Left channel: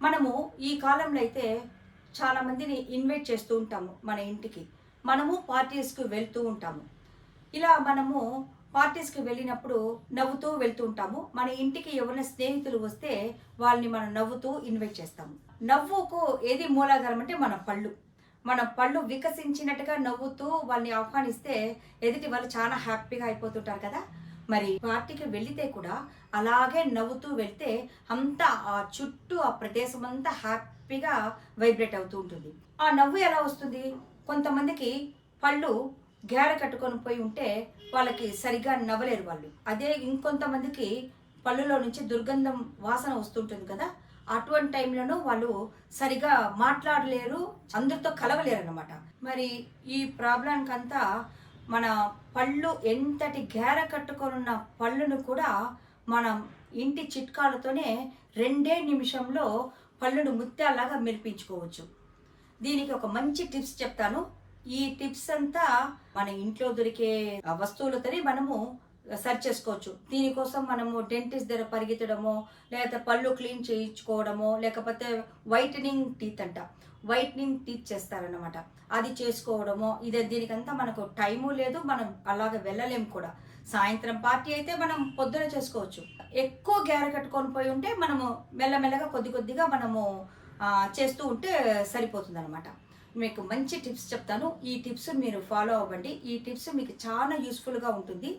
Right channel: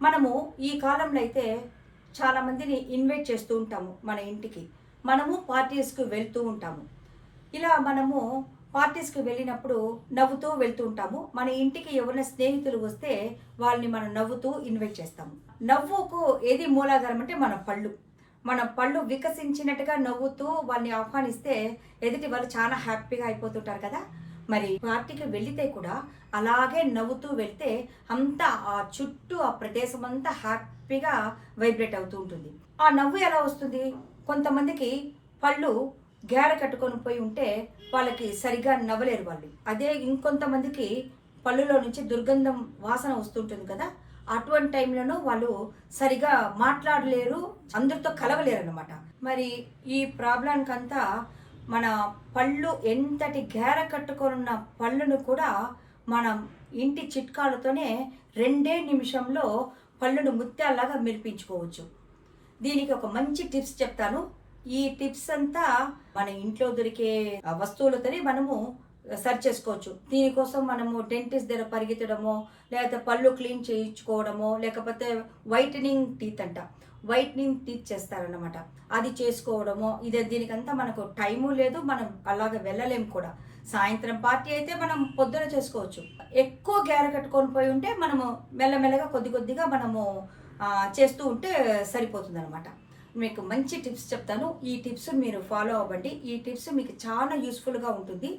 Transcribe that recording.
మనము ఈ కాలంలో అయితే చాలా మందిని ఇన్వైట్ చేస్తూ ఉంటాము మన ఇంటికి. మనము పార్టీస్‌కి వెళ్తూ ఉంటాము. ఇలా మనము పార్టీస్‌కి వెళ్ళినప్పుడు నవ్వుతూ వెళ్తూ ఉంటాము. మన ఇంటికి ఎవరైనా స్నేహితులు వస్తే వాళ్ళని మనం నవ్వుతూ ఇన్వైట్ చేస్తాము. నవ్వుకు ఏది మూలాధారం అంటే మన పళ్ళు. మన పళ్ళు వికసించినట్టుగా నవ్వుతూ వాళ్ళని ఆహ్వానిస్తే ఎదుటి వాళ్ళు చాలా హ్యాపీగా అయిపోతుంటారు కదా! మరి పార్టీకి వెళితే కూడా అలాగే నవ్వుతూ వెళ్తే అంతా ఆ చుట్టూ ఆ ప్రదేశం అంతా హ్యాపీగా వైబ్రేట్ అవుతూ ఉంటుంది. ఆ నవ్వు ఎలా వస్తుంది? కొంతమందికి పళ్ళు గేర కట్టుకొని పోయి ఉంటే వాళ్ళకి సరిగ్గా నవ్వలేరు వాళ్ళు. అదే ఇంకొంతమందికి పళ్ళులో నుంచి దుర్గంధం వాసన వస్తుంటుంది కదా! అటువంటి టైంలోనూ వాళ్ళు సరిగ్గా మాట్లాడలేరు, అందరితో కలవలేరనమాట. మరి ఈ ప్రాబ్లమ్‌కంతా మన పళ్ళు ఎంతటి గేర కట్టుకొనున్న పళ్ళును కూడా మనం ఇంటి చిట్కాలతోనే 2 నిమిషంలో పళ్ళును ముత్యాల్లాగా మెరిపించుకోవచ్చు. దీనికి ఒక మంచి టిప్స్ చెప్తాను. ఈ టిప్స్ అంతా మన ఇంట్లో దొరికే వస్తువులతోనే మనము సరి చేసుకోవచ్చు. దీనికోసం మనము డెంటిస్ట్ దగ్గర పరిగెత్తడమో, లేకపోతే పళ్ళు క్లీన్ చేయించుకోవడమో, లేకపోతే వైటనింగ్ టీత్ అంట. వైటనింగ్ టీత్ చేస్తారన్నమాట. అది చేసుకోవడమో, దీనికంతా మనకు టైము లేదు. మనం అలాగ వెళ్ళలేము కూడా. సాయంత్రం పార్టీ అయితే మనం పొద్దున చేసుకోవచ్చు. ఎక్కువ గేర కట్టుకొని పోయి ఉంటే మనము మెల్లమెల్లగా కొద్ది కొద్దిగా మనము చేస్తూ ఉంటే సరిపోతుందనమాట. మీకు మంచి టిప్స్ చెప్తాను. ఈ టిప్స్ మీరు ఫాలో అవ్వండి. ఈ టిప్స్ మీకు చాలా యూస్‌ఫుల్‌గా ఉంటుంది.